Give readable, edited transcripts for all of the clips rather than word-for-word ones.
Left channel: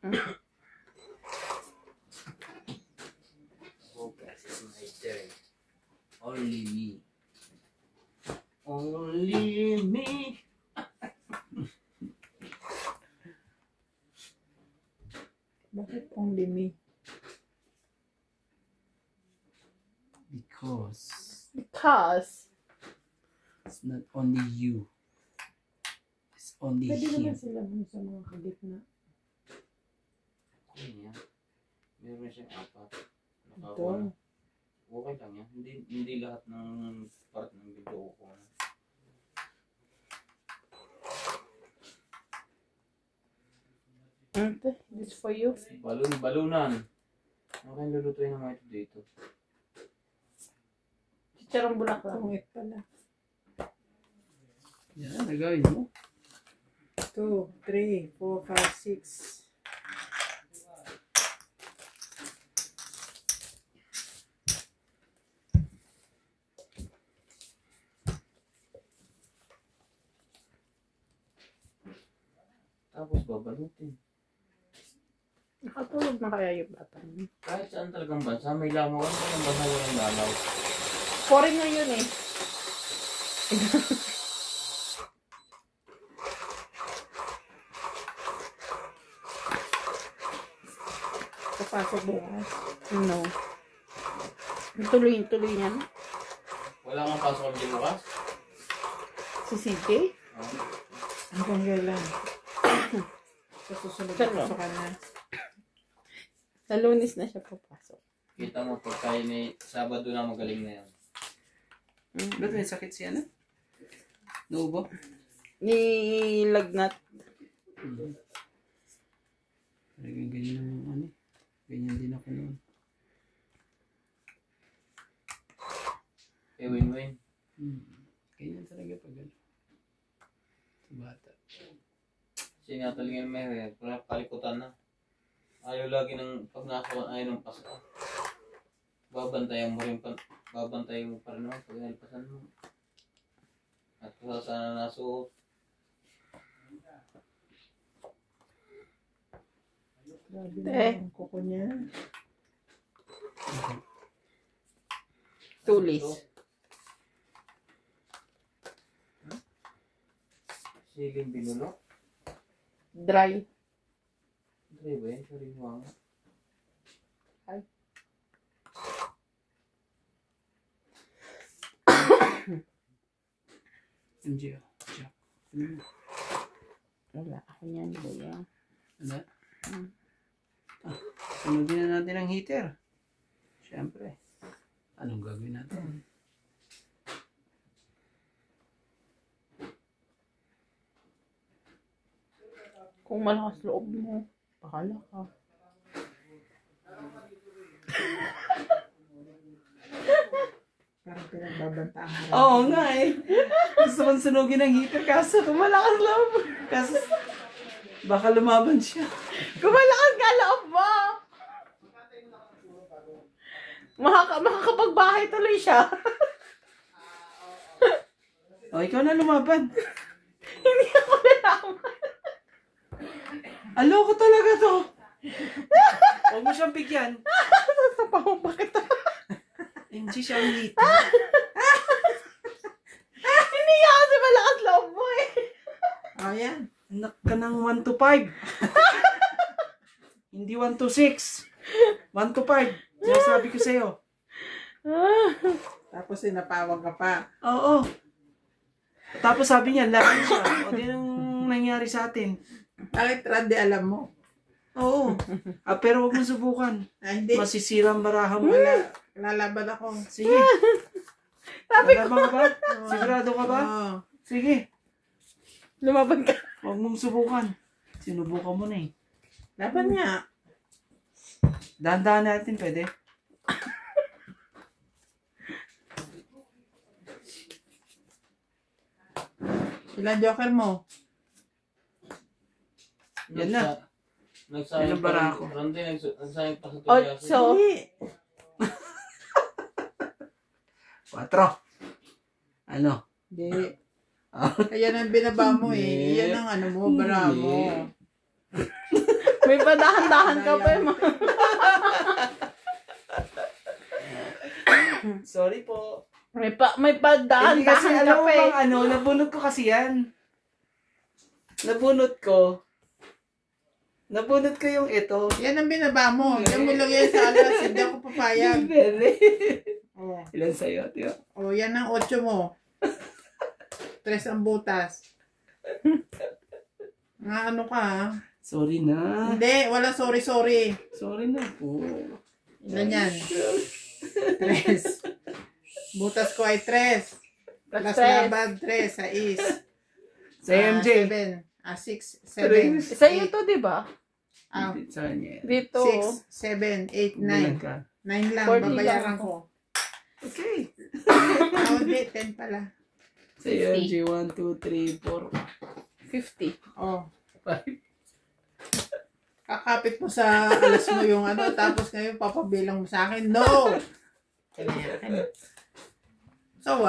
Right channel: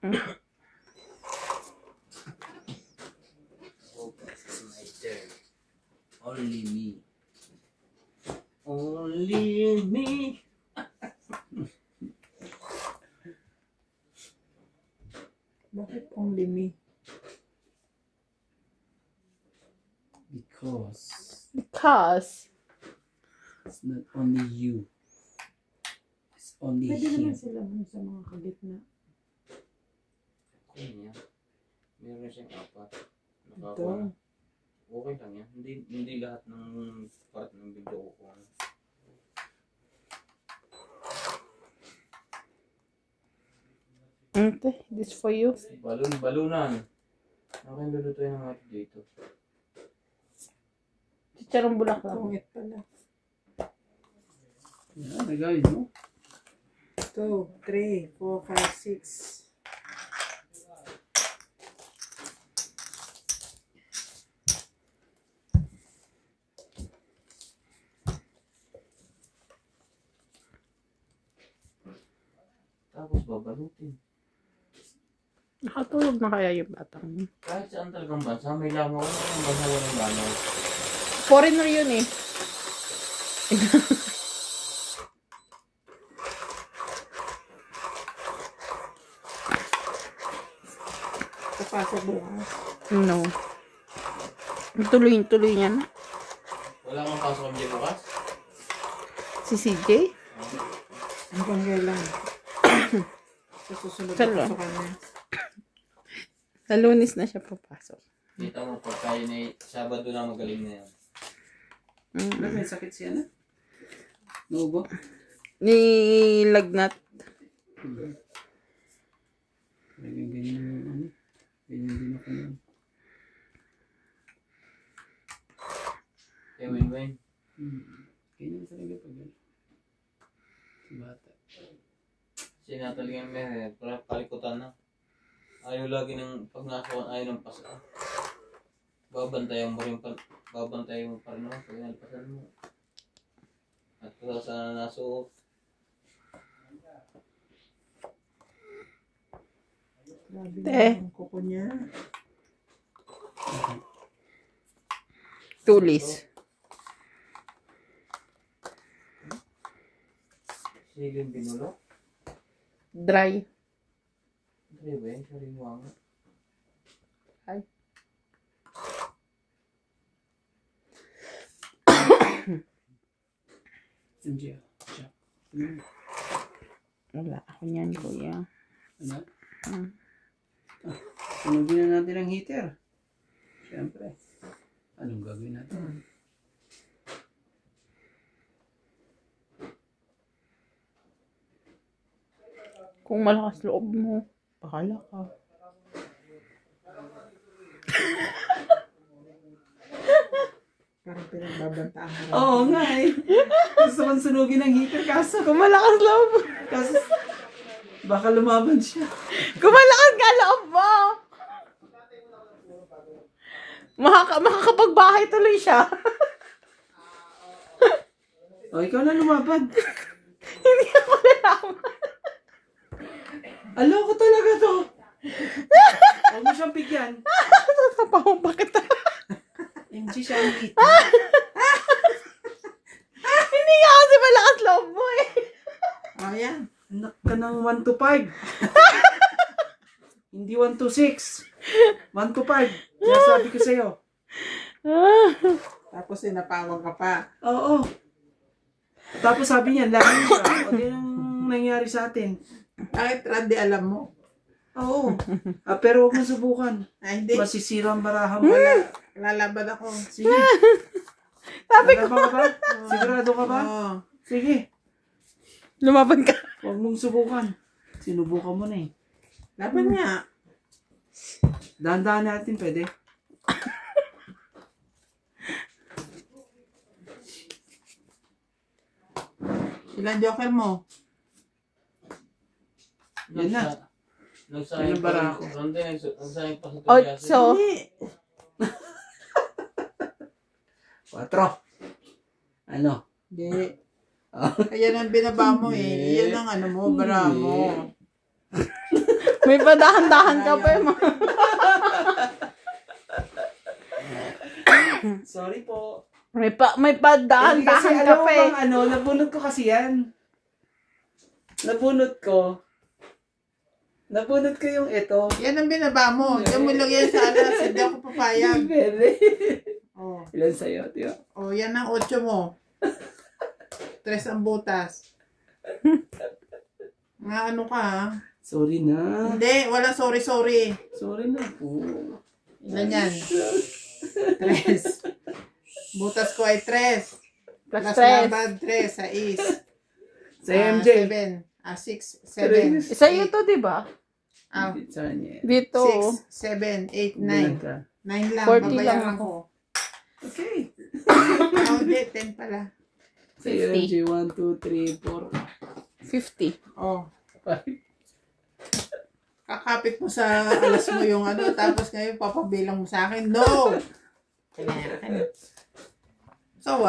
It's my turn. Only me. Only me. Bakit only me? Because it's not only you. It's only Pwede him. naman sila mo sa mga kagitna. Kanya. Meron siyang 4. Ito. Okay lang yan. Hindi lahat ng part ng video ko. Okay, this for you. Balunan. Ako yung lulutuin ng ito dito. Chicharong bulaklak. Tungit pala. Yan, nagawin mo. 2, 3, 4, 5, 6. Tapos babalutin. Nakatulog na kaya yung batang. Kahit saan talagang bansa, may lamang ako yung bansa walang lalaw. Foreigner yun eh. Papasok bukas. No. Tuloy niya na. Wala kang pasok ang bukas? Si CJ? Hanggang kailan? Sa susunod na pasokan na. Sa Lunes na siya papasok. Kita mo po tayo na Sabado na magaling na yan. May sakit siya na? Nubo? Nilagnat. Ganyan din ako nun. Win-win. Ganyan talaga pag gano'n. Si bata. Sinataligan may palikutan na. Ayaw lagi ng pag nakakuha ayaw ng pasa. Babantayan mo rin babantayan mo pa rin pag nalipasan mo. At kung sana nasuot. Grabe na ang kuko niya. Tulis. Sige, binulo. Dry. Dry ba yun? Sariwang. Ay. Hindi. Wala. Ako niyan, kuya. Ano? Sunugin na natin ang heater. Siyempre. Anong gagawin natin? Kung malakas loob mo, bahala ka. Parang pinagbabantaan mo. Oo nga eh. Gusto kong sunugin ang heater kaso. Kung malakas loob. Kaso baka lumaban siya. Kung malakas ka loob mo. Makakapagbahay tuloy siya. O, ikaw na lumaban. Hindi ako nalaman. Aloko talaga to. Huwag mo siyang bigyan. Tapang bakit? MG siya ang hit. Hindi ka kasi malakas loob mo eh. Ayan. Anak ka ng 1 to 5. Hindi 1 to 6. 1 to 5. Sinasabi ko sa'yo. Tapos sinapawang ka pa. Oo. Tapos sabi niya, lagi siya. O din ang nangyari sa atin. Bakit Randy alam mo? Oo. Pero huwag mo subukan. Ay, hindi. Masisirang baraha mo. Lalaban ako. Sige. Sabi ko. Lalaban ka ba? Sigurado ka ba? Oo. Sige. Lumaban ka. Huwag mong subukan. Sinubukan mo na eh. Laban nga. Dahan-dahan natin, pwede. Ilan joker mo? Yan na. Nagsayang Ano ba pa ako? Randy, nagsayang pa sa Ocho. tulyasi. 4. Ano? Hindi. Ayan ang binaba mo eh. Yan ang ano mo, bara mo. May padahan-dahan ka pa yung mga... Sorry po. May Kasi padahan-dahan ka alam mo pa eh. bang nabunot ko kasi yan. Nabunot ko yung ito. Yan ang binaba mo. Yan mo lang yan sa alas. Hindi ako papayag. Bebe. Oh. Ilan sa'yo, tiyo? Oh, yan ang 8 mo. 3 ang butas. Nga ano ka ha? Sorry na. Hindi, wala sorry. Sorry na po. Ilan yan? 3. Butas ko ay 3. Plus labad 3 sa is. Sa MJ. 7. 6, 7. Isa yun to, di ba? Hindi, sa kanya. Dito. 6, 7, 8, 9. 9 lang, 40 babayaran lang ko. Okay. Hindi, 10 pala. Sa MJ, 1, 2, 3, 4. 50. Oh. Kakapit mo sa alas mo yung ano, tapos ngayon papabilang mo sa akin. No! Kailangan. So,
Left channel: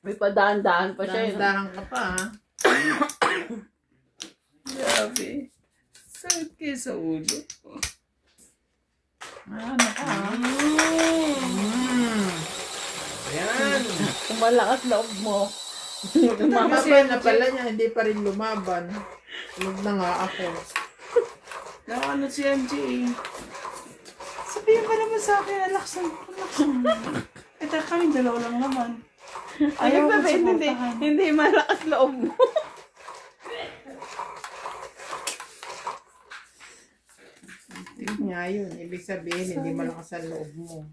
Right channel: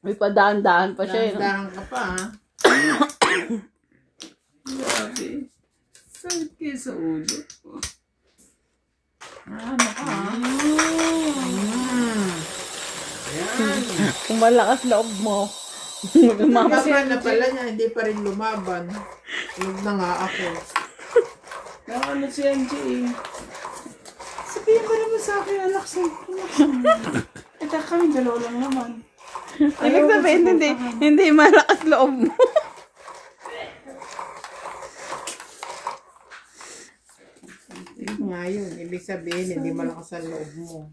May padahan-dahan pa siya. dahan ka pa, ha? Grabe. Sakit kayo sa ulo. Ano ka, ha? Ayan. Kung malakas loob mo. Lumaban na pala niya, hindi pa rin lumaban. Lug na nga ako. Ano si MJ eh. Sabihin ka naman sa akin, alaksan. Ito kami, dalawa lang naman. Ibig sabihin, hindi malakas loob mo. Nga yun, ibig sabihin, hindi malakas ang loob mo.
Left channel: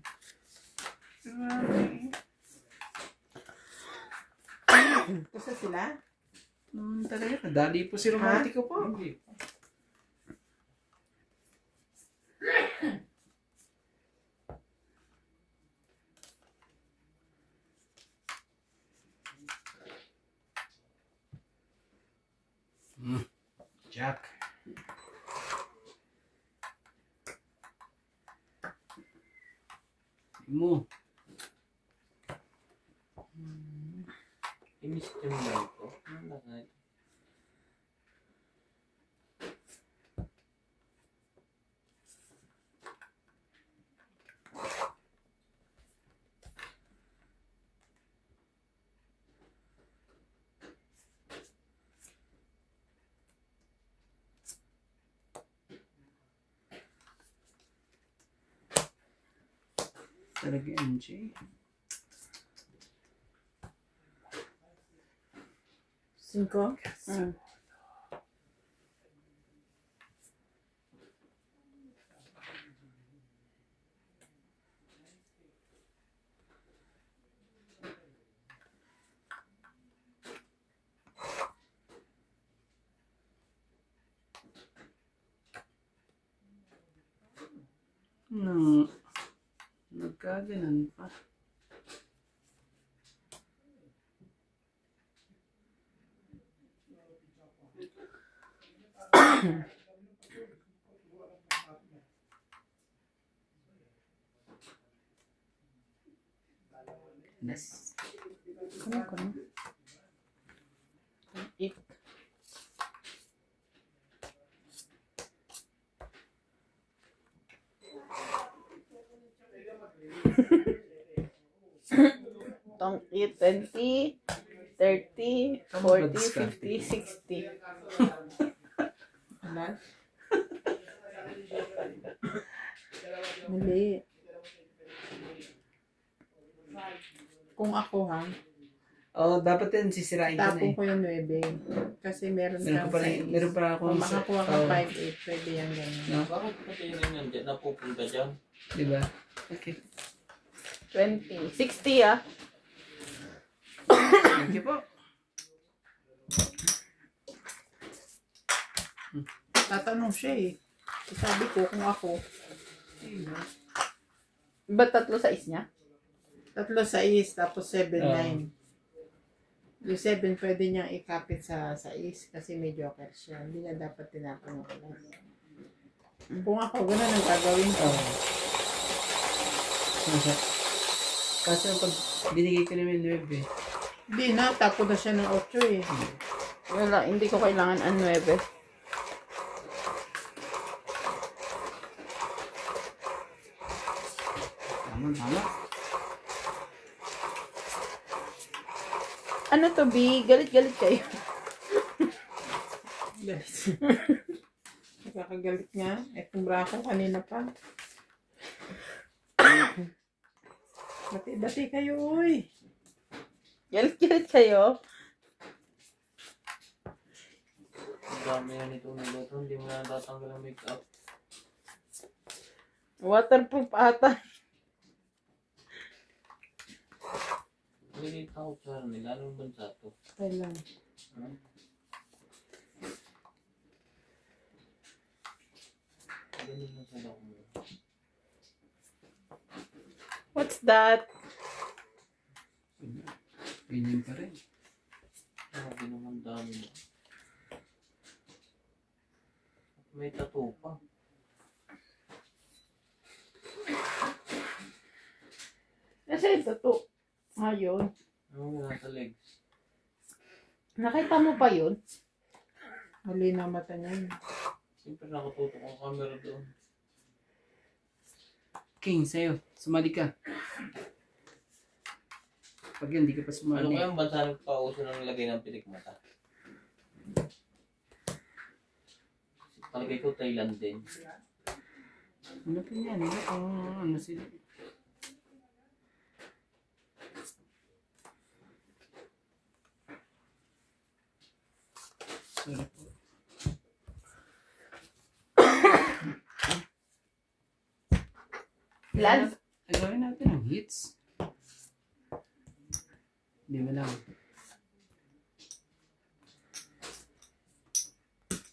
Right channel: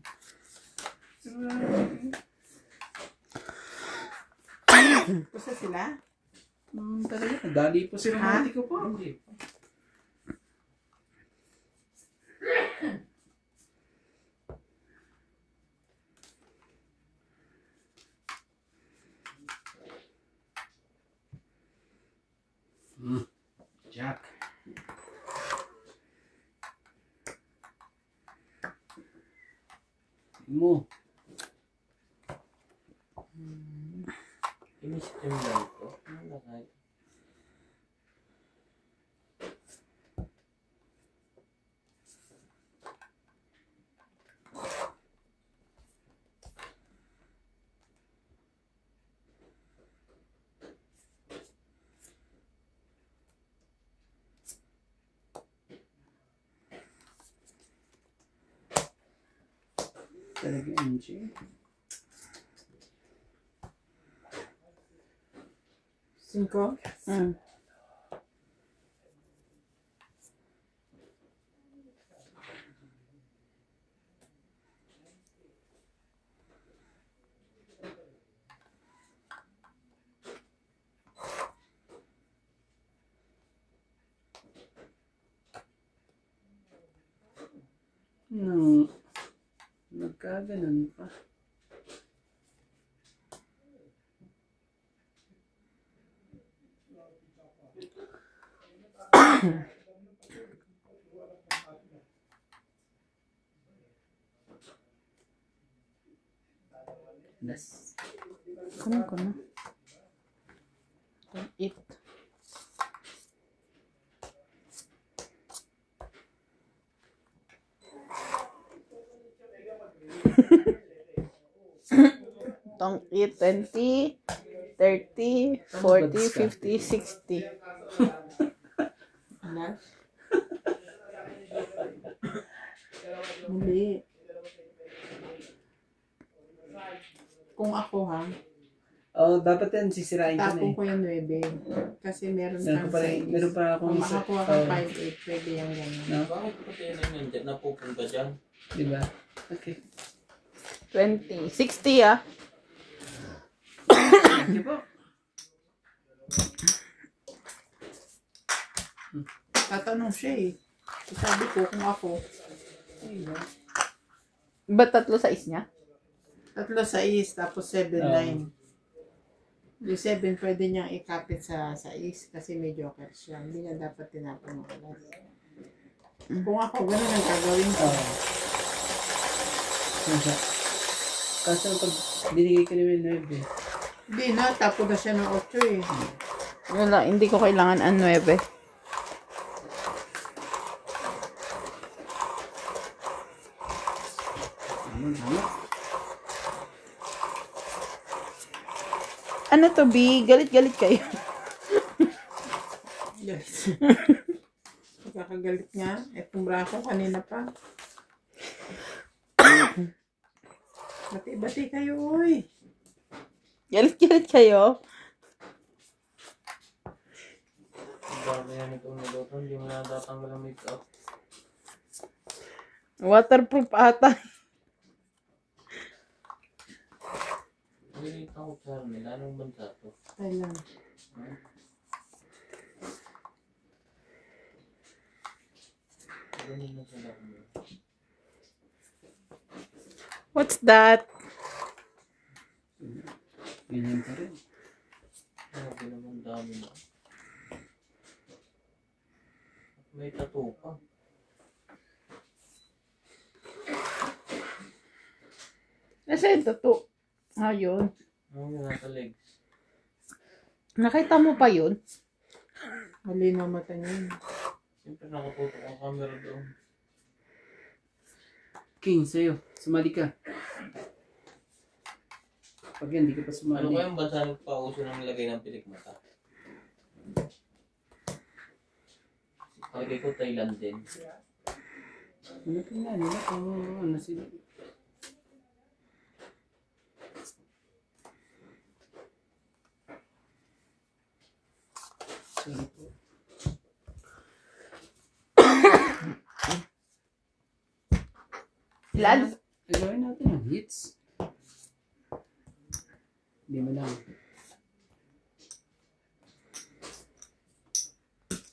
Kasi sila? Talaga, dali po si Romantico po. Hindi po. Jack. Mo. Ini-stream lang ito. Talaga MJ. 5? Nagkaganan pa. Yes. Kunin ko na. 8. Tong 20, 30, 40, 50, 60. Alas? Mali. Kung ako ha, Oh, dapat yan sisirain ka na tapong eh. ko yung 9. Kasi meron kang Meron 6. pa akong Kung makakuha kang 5-8, pwede yan ganyan. No? Bakit pati yun dyan napupunta dyan? Diba? Okay. 20. 60 ah. Thank you po. Tatanong siya eh. Sabi ko kung ako, Ba't 3 sa is niya? 3 sa is, tapos 7, 9. Yung 7 pwede niyang ikapit sa is kasi may joker siya. Hindi na dapat tinapon ng alas. Kung ako, ganun ang gagawin ko. Kasi pag binigay ko naman 9 Hindi na, tapo na siya ng 8 eh. Yun lang, hindi ko kailangan ang 9. Tama. Ano to, B? Galit-galit kayo. Galit. Nakakagalit nga. Itong braso kanina pa. Bati-bati kayo, uy. Galit-galit kayo. Ang dami na nitong naluto. Hindi mo na tatanggal ang make-up. Waterproof ata. Nilita ko, Charmel. Anong bansa to? Thailand. Ganun na sa loob mo. What's that? Ganyan pa rin. Grabe naman dami na. May tattoo pa. Nasa yung tattoo? Ayun. Ano nga sa legs? Nakita mo pa yun? Mali na mata niya. Siyempre nakatutok ang camera doon. King, sa'yo. Sumali ka. Pag yan, di ka pa Ano sumali. kayang bansa nagpauso ng lagay ng pilik mata? Palagay ko Thailand din. Ano pa yan? Ano sila? Sorry po. Ilan? Gawin natin ang hits. Hindi mo lang.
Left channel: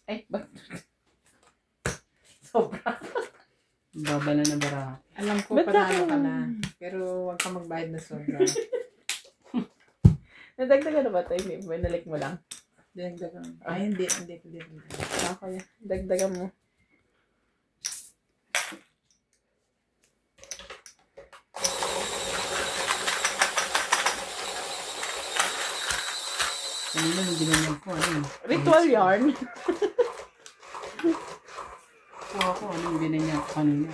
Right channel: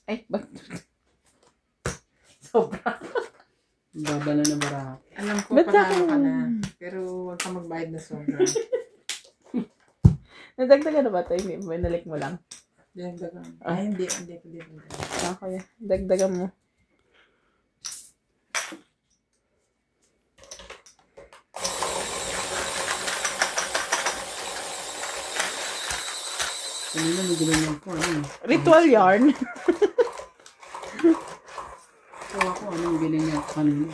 Ay, ba't? Sobra. Babala na bara. Alam ko, Ba't panalo ka ako? na. Pero huwag ka magbayad na sobra. Nadagdagan na ba ito? Hindi, binalik mo lang. Dagdagan. Ay, hindi ko din. Okay, dagdagan mo. Kanina may ginanyan ko. Ano? Ritual yarn. So ako, anong ginanyan ko kanina?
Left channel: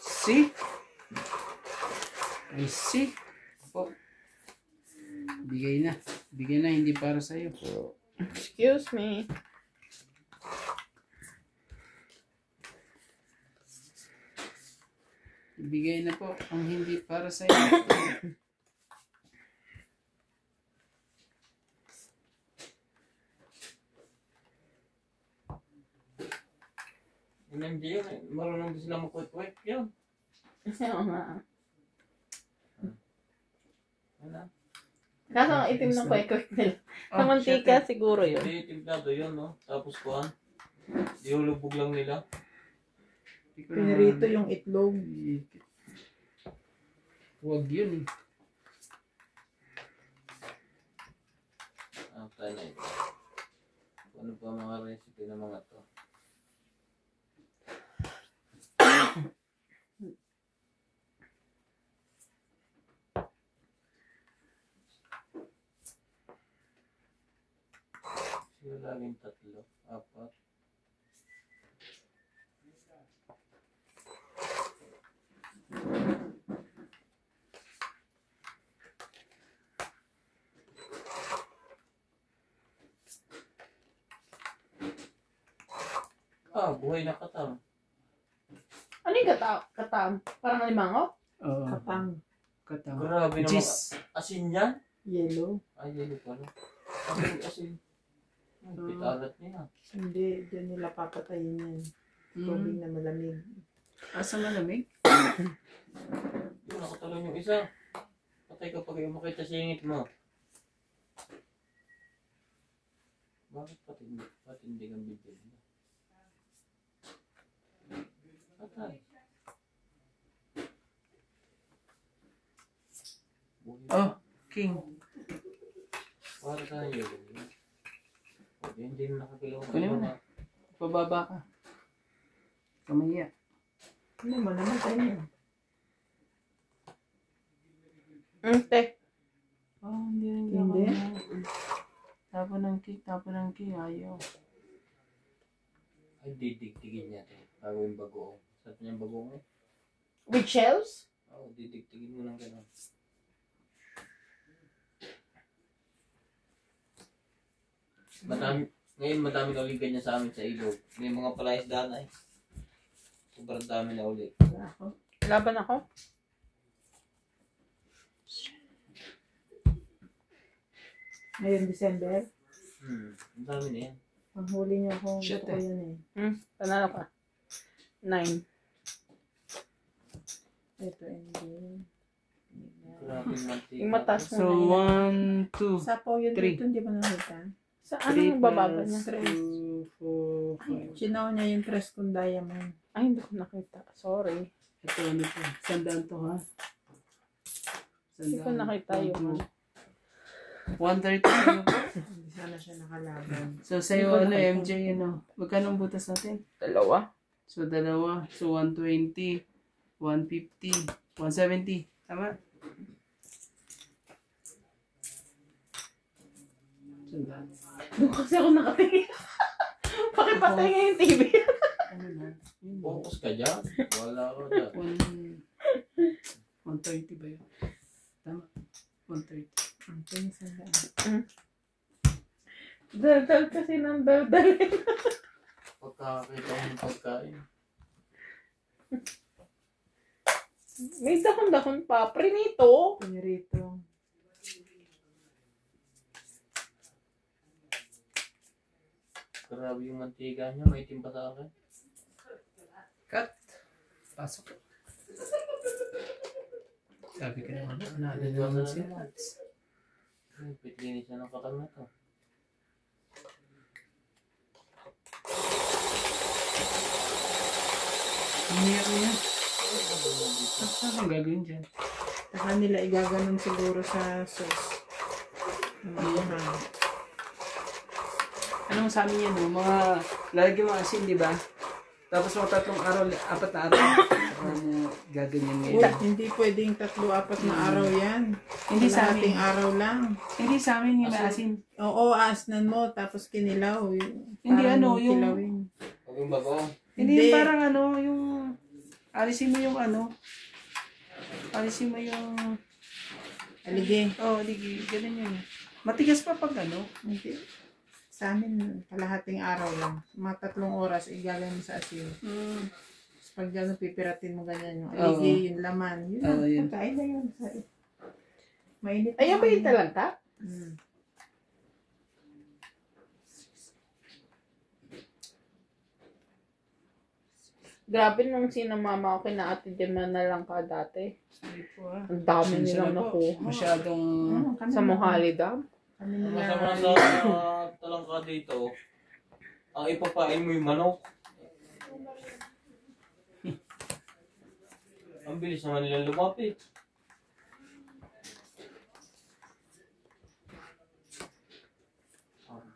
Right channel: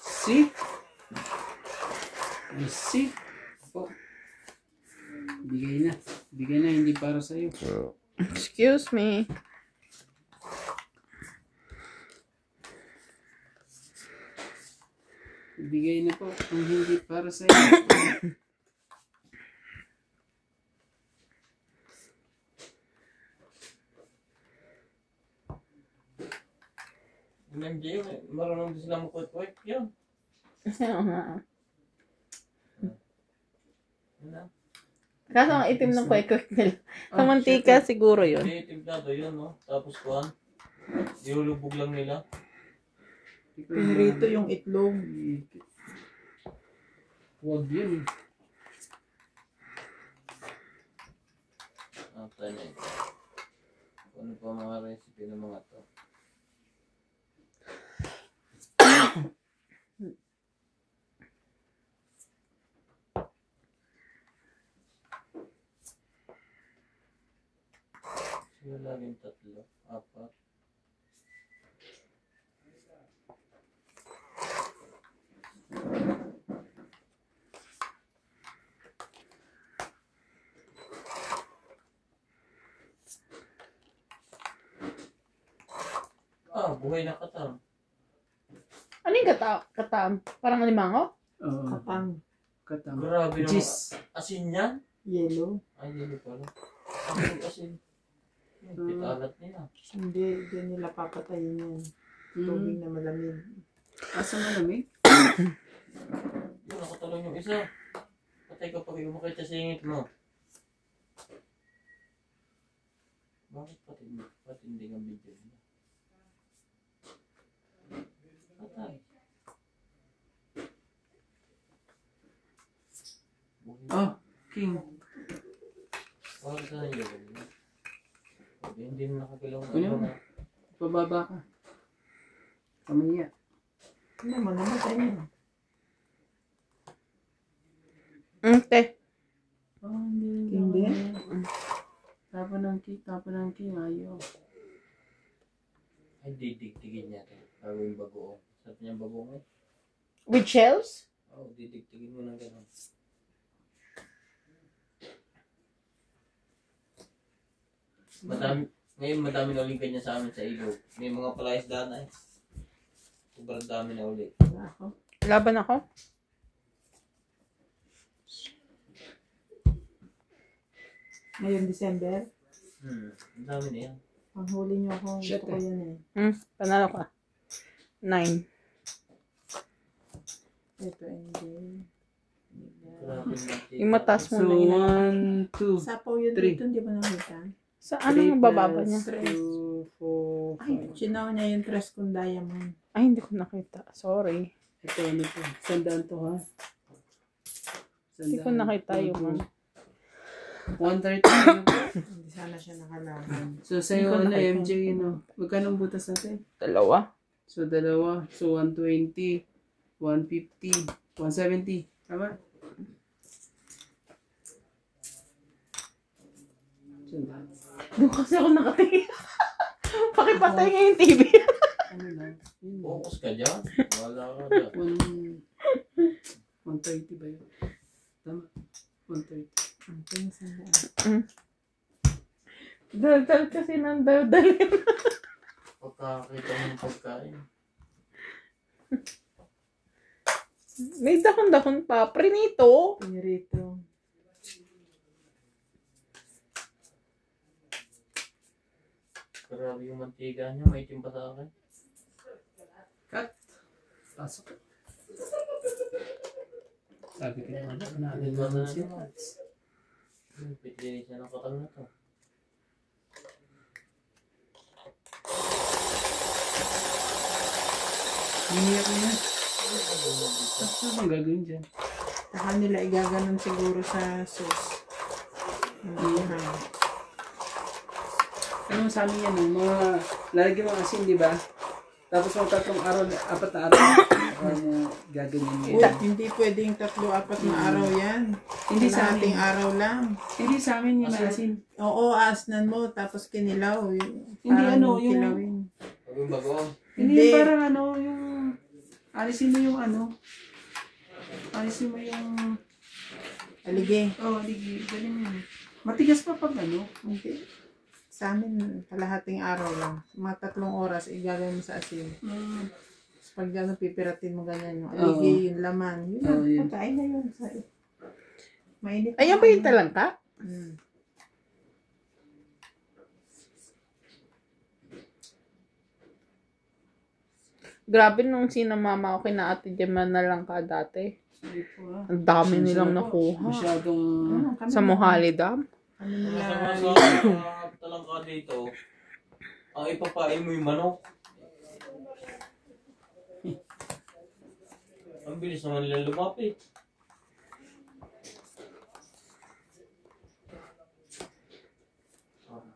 See? I see. Oh. Bigay na. Bigay na, hindi para sa'yo. Excuse me. Bigay na po ang hindi para sa'yo. Yung MJ, marunong din sila makwit-kwit yun. Oo nga. Ano? Kaso ang itim ng kwek-kwek nila. Sa Oh, mantika siguro yun. Hindi, timplado yun, no? Tapos kuhan. Ilulubog lang nila. Pinirito yung itlog. Huwag yun. Ang tanya ito. Ano pa mga recipe ng mga to? Sila laging tatlo, apat. Buhay na katang. Ano yung katam? Parang alimango? Oo. Katang. Katang. Grabe naman. Jis. Asin yan? Yellow. Ay, hindi pala. Asin. Pitalat nila. Hindi nila papatayin yan. Tubig na malamig. Asa malamig? Yun, nakatalong yung isa. Patay ka pag yung makita sa ingit mo. Bakit patindi ang video mo? Patay. Oh, King. Para tayo yun. Hindi mo nakakilaw Kunin mo. Pababa ka. Kamaya. Ano mo naman tayo? Te. Oh, hindi. Hindi. Tapon ng king, ayaw. Ay, didiktigin niya ito. Gagawin bagoong. Sarap niyang bagoong eh. With shells? Oo, didiktigin mo ng gano'n. Ngayon madami na ulit ganyan sa amin sa ilog. May mga palaisdaan na eh. Sobrang dami na ulit. Ako. Laban ako. Ngayon, December. Ang dami na yan. Panghuli niyo ako. Shit, Gusto ko yan eh. Panalo ka. 9. Ito, hindi. Grabe yung mantika. Yung mataas mo So, na 1, 2, Sapaw yun 3. dito, hindi ba nakita? Sa anong bababa niya? 2, 4, Ay, 5. sinaw niya yung tres kong diamond. Ay, hindi ko nakita. Sorry. Ito, ano to? Sandaan to, ha? Hindi ko nakita yung 130 ano po? Hindi sana siya nakalaban. So, sa'yo, ano, MJ, ano? Magkano ang butas natin? 2. So, dalawa. So, 120, 150, 170. Tama? Sandaan. Doon kasi ako nakatingin. Pakipatay nga yung TV. Ano na? Yun na. Focus ka dyan. Wala ka dyan. 130 ba yun? Tama. 130. Ang tingin sandaan. Daldal kasi ng daldal. Pagkakita mo yung pagkain. May dahon-dahon pa. Prinito. Pinirito. Grabe yung mantika niya. May timpa sa akin. Cut. Pasok. Sabi ko naman, natin si Rats. Pitlinis niya ng katal na to. Linear na yan. Tapos ano ang gagawin dyan? Saka nila igaganon siguro sa sauce. Ang Ano sa amin yan, mga lalagyan mo asin, di ba? Tapos mga 3 araw, 4 na araw. Or gaganyan mo Uy, yan. hindi pwedeng 3-4 na araw yan. Hindi sa Ating amin. araw lang. Hindi sa amin yung asin. Oo, asnan mo, tapos kinilaw. Hindi, Parang ano, yung- kilawin. Huwag yung bagoong. Hindi, Hindi. parang ano, yung... Alisin mo yung ano. Alisin mo yung... Alige. Ligi, ganun yun. Matigas pa pag ano. Hindi. Sa amin, kalahating araw lang. Mga 3 oras, igagawin mo sa asin. Tapos pag gano'n, pipiratin mo ganyan yung alige, Oo. yung laman. Yun Oo, na, yun. pagkain na yun. Mainit. Ayoko yung talangka. Mm. Grabe nung sinamama ko kina Ate Gemma na lang ka dati. Hindi po ah. Ang dami nilang Sana po. nakuha. Masyadong... Kami Sa na- Mohali Dam. Kami Masama nila. sa talangka dito. Ang ipapain mo yung manok. Ang bilis naman nila lumapit.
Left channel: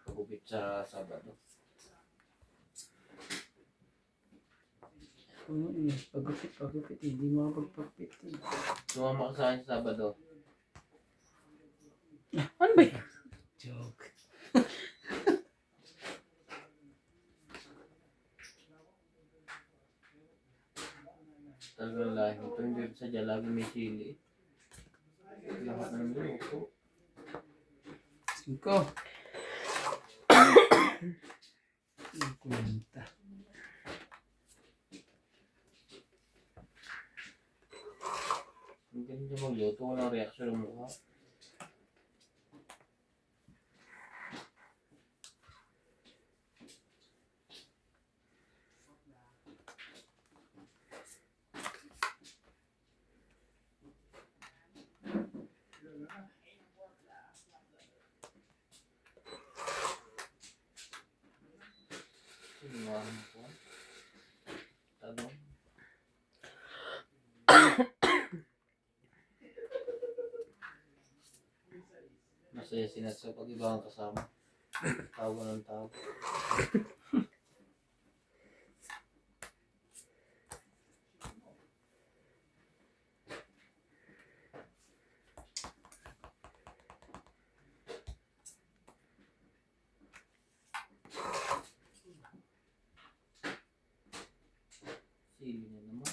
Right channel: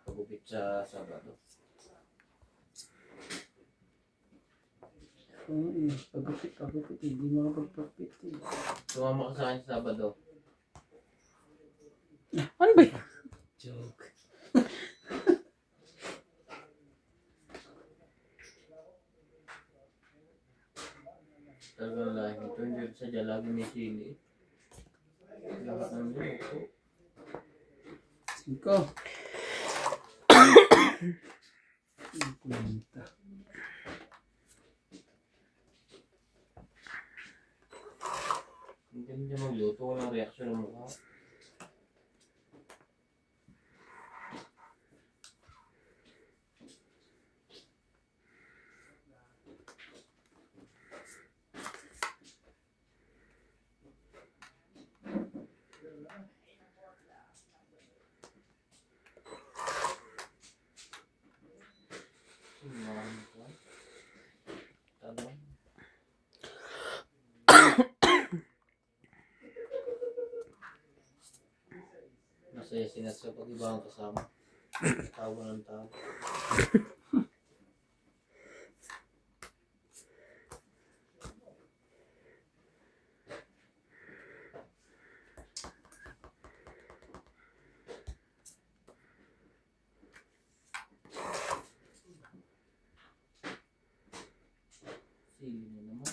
Pagupit sa Sabado. Oo pagupit. Hindi makapagpagupit. Sumama ka sa akin sa Sabado. Ano ba yun? Joke. Talagang lahi ito. Hindi sadya lagi may sili. Lahat ng luto. 5. 50. Hindi niya magluto. Walang reaksyon ng mukha. Tanong. Masaya sinasa pag ibang kasama. Tawa ng tao. Sili na naman.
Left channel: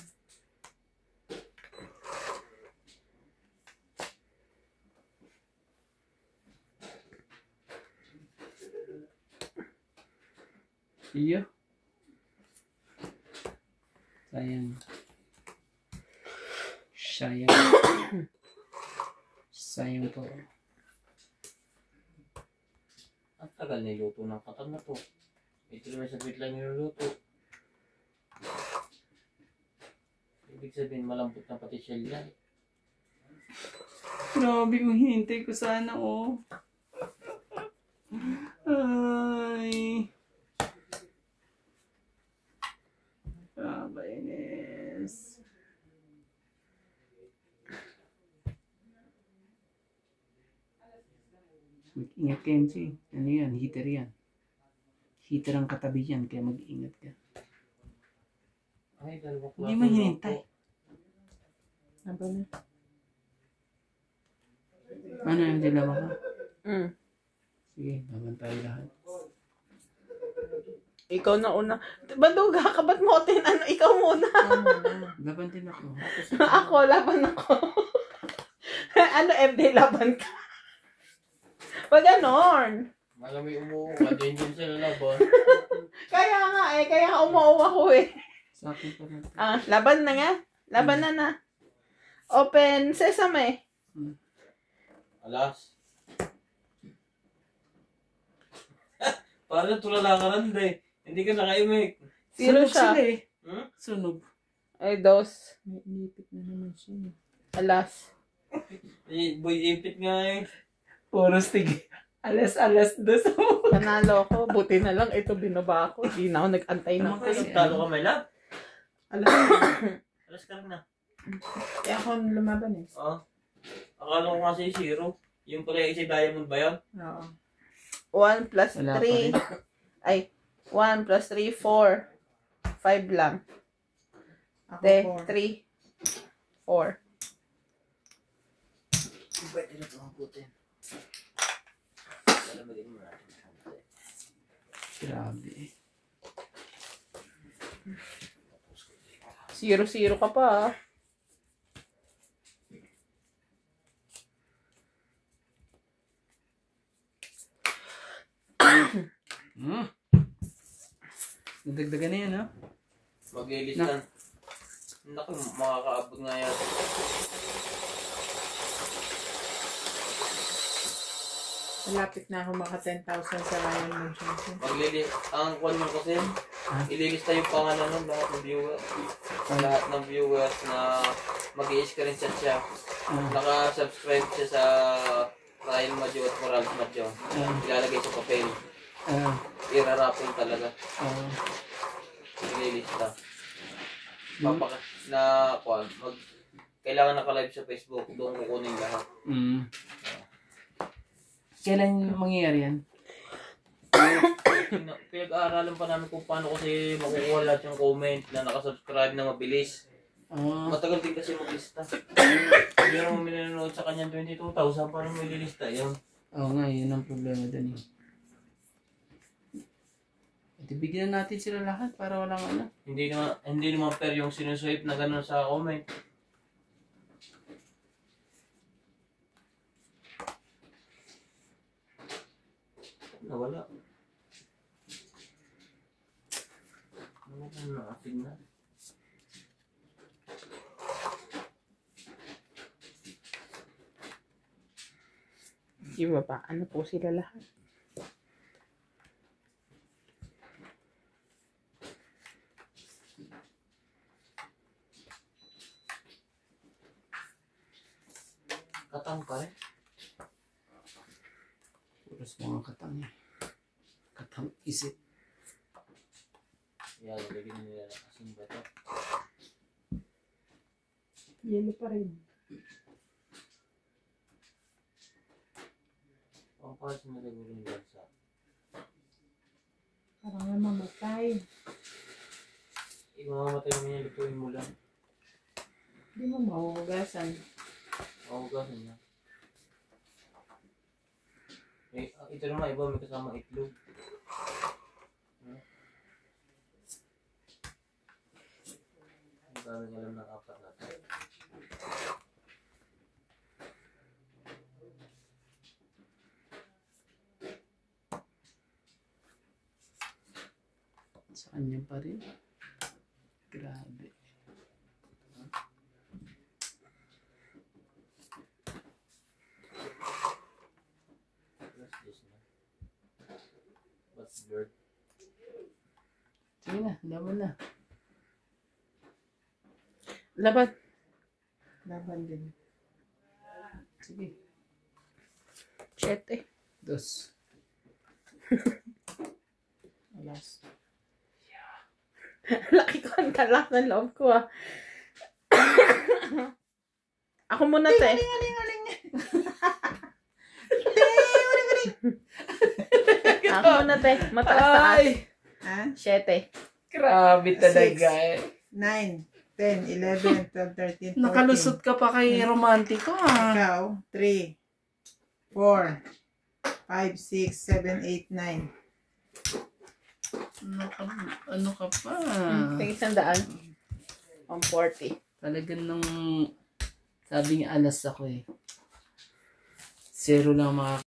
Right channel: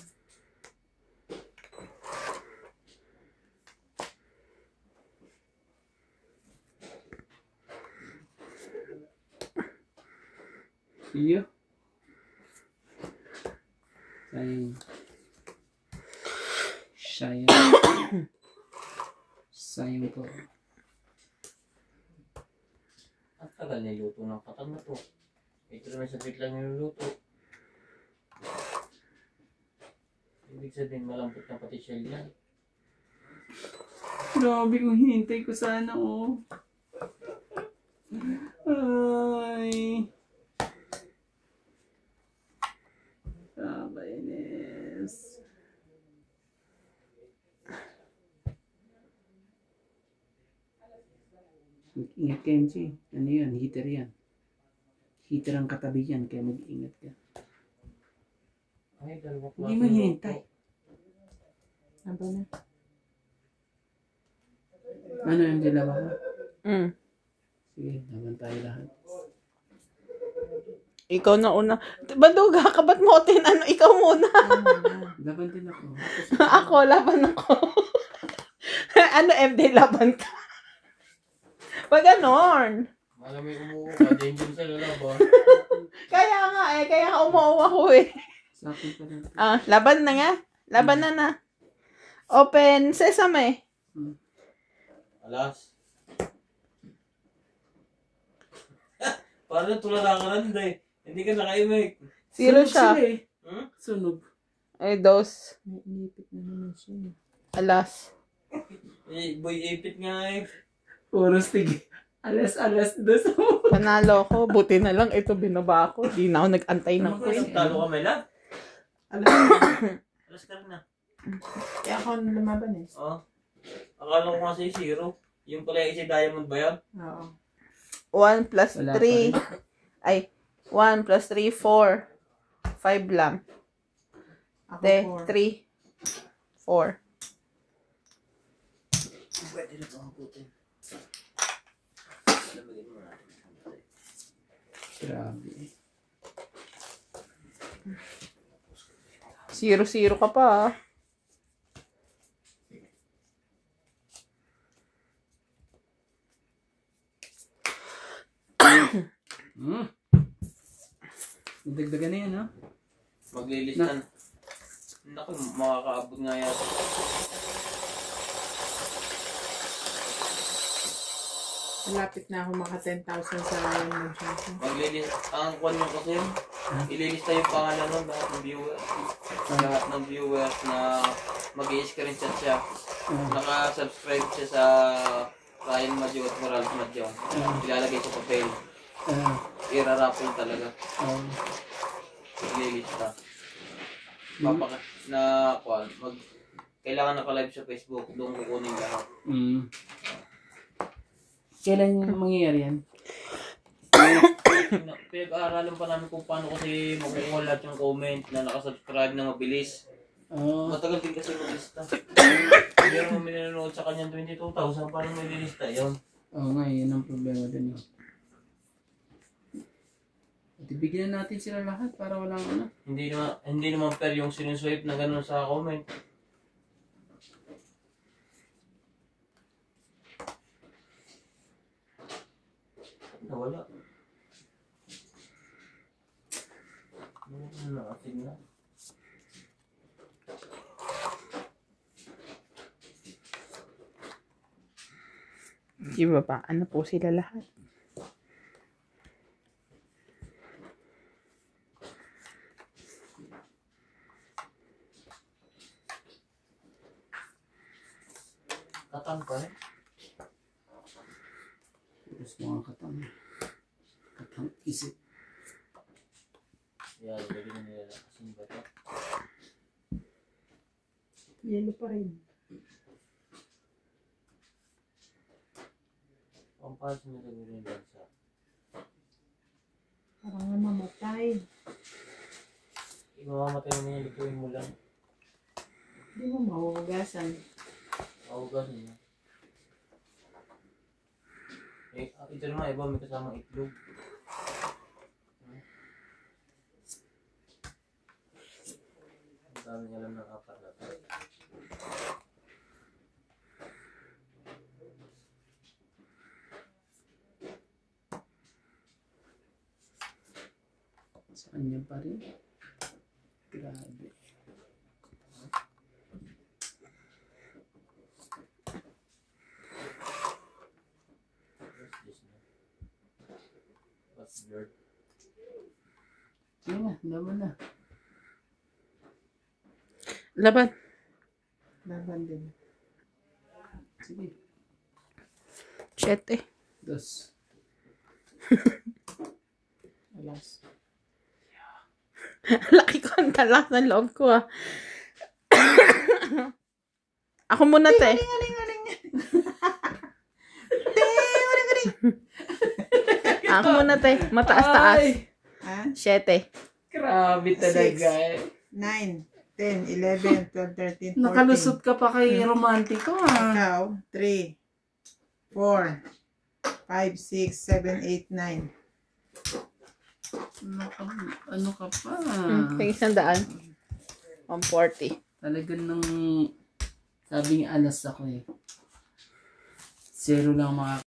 Iyo. Sayang. Sayang. Sayang po. Ang tagal niluto ng katang na to. Ito naman sa bit lang niluluto. Ibig sabihin malambot na pati shell yan. Grabe kung hinintay ko sana, oh. Ay. Kainis. Mag-ingat ka, MC. Ano yan? Heater yan. Heater ang katabi yan, kaya mag-ingat ka. Ay, dalawa Hindi mo hinintay. Aba na. Ano yung dalawa ka? Sige, naman tayo lahat. Ikaw na una. Baduga ka, ba't mo ano? Ikaw muna. Laban din ako. Ako, laban ako. Ano, MD, laban ka? Pag ganon. Malamig umuuwa ka, din sa lalaba. Kaya nga kaya umuuwa ko eh. Sa akin pa natin. Laban na nga. Laban na na. Open sesame. Alas. Parang tulala ka lang day. Hindi ka nakaimik. Zero Sunog siya. sila eh. Hmm? Sunog. Ay, dos. May inipit na naman siya. Alas. Boy, ipit nga eh. Puro stig. Alas dos. Panalo ko. Buti na lang ito binaba ko. Di na ako nag-antay ng queen. Talo ka may lang. Alam mo, Alas ka rin na. kaya ako lumaban eh. Oo. Akala ko nga sa'yo zero. Yung pala yung diamond ba yan? Oo. 1 plus Wala pa 3. rin. Ay, 1 plus 3, 4. 5 lang. Ako De, 4. 3. 4. Pwede na ito ang putin. Alamagin mo natin. Grabe. 0-0 ka pa ah. Nadagdagan na yan, ha? Maglilistan. Naku, makakaabot nga yata. Malapit na ako maka 10,000 sa Ryan Magenta. Ang kwan nyo kasi, ililista yung pangalan ng lahat ng viewers. Lahat ng viewers na mag-i-screenshot siya. Naka-subscribe siya sa Ryan Madjo at Morales Madjo. Ilalagay sa papel. Irarapin talaga. Ililista. Kailangan naka-live sa Facebook. Doon kukunin lahat. Kailan yung mangyayari yan? Pinag-aaralan pa namin kung paano kasi makukuha lahat yung comment na nakasubscribe na mabilis. Matagal din kasi maglista. Meron mo minanood sa kanya 22,000 paano mo ililista yun? Oo nga, yun ang problema dun eh. At ibigyan natin sila lahat para walang ano. Hindi naman fair yung sinuswipe na gano'n sa comment. Nawala. Nakatig na. Di ba ba? Ano po sila lahat? Katang pa eh. Puros mga katang. Katang isip. Yan, lagyan nila na kasing bata. Yelo pa rin. Ang pass na rin yung bansa. Parang nga mamatay. Mamamatay mo niya, lutuin mo lang. Hindi mo mahuhugasan. Mahugasan niya. Ito naman, iba may kasama itlog. daming alam ng aparat. Sa kanya pa rin. Grabe. What's this na? What's bird? Sige na, laban na. Laban. Laban din. Sige. 7. Dos. Alas. Laki ko ang talak ng loob ko ah. Ako muna te. Ako muna te. Mataas-taas. Ay! Ha? 7. Grabe talaga eh. 9, 10, 11, 12, 13, 14. Nakalusot ka pa kay romantiko ah. Ikaw, 3, 4, 5, 6, 7, 8, 9. Ano ka pa? Tingin 100. 140. Talagang nung sabi niya alas ako eh. 0 lang mga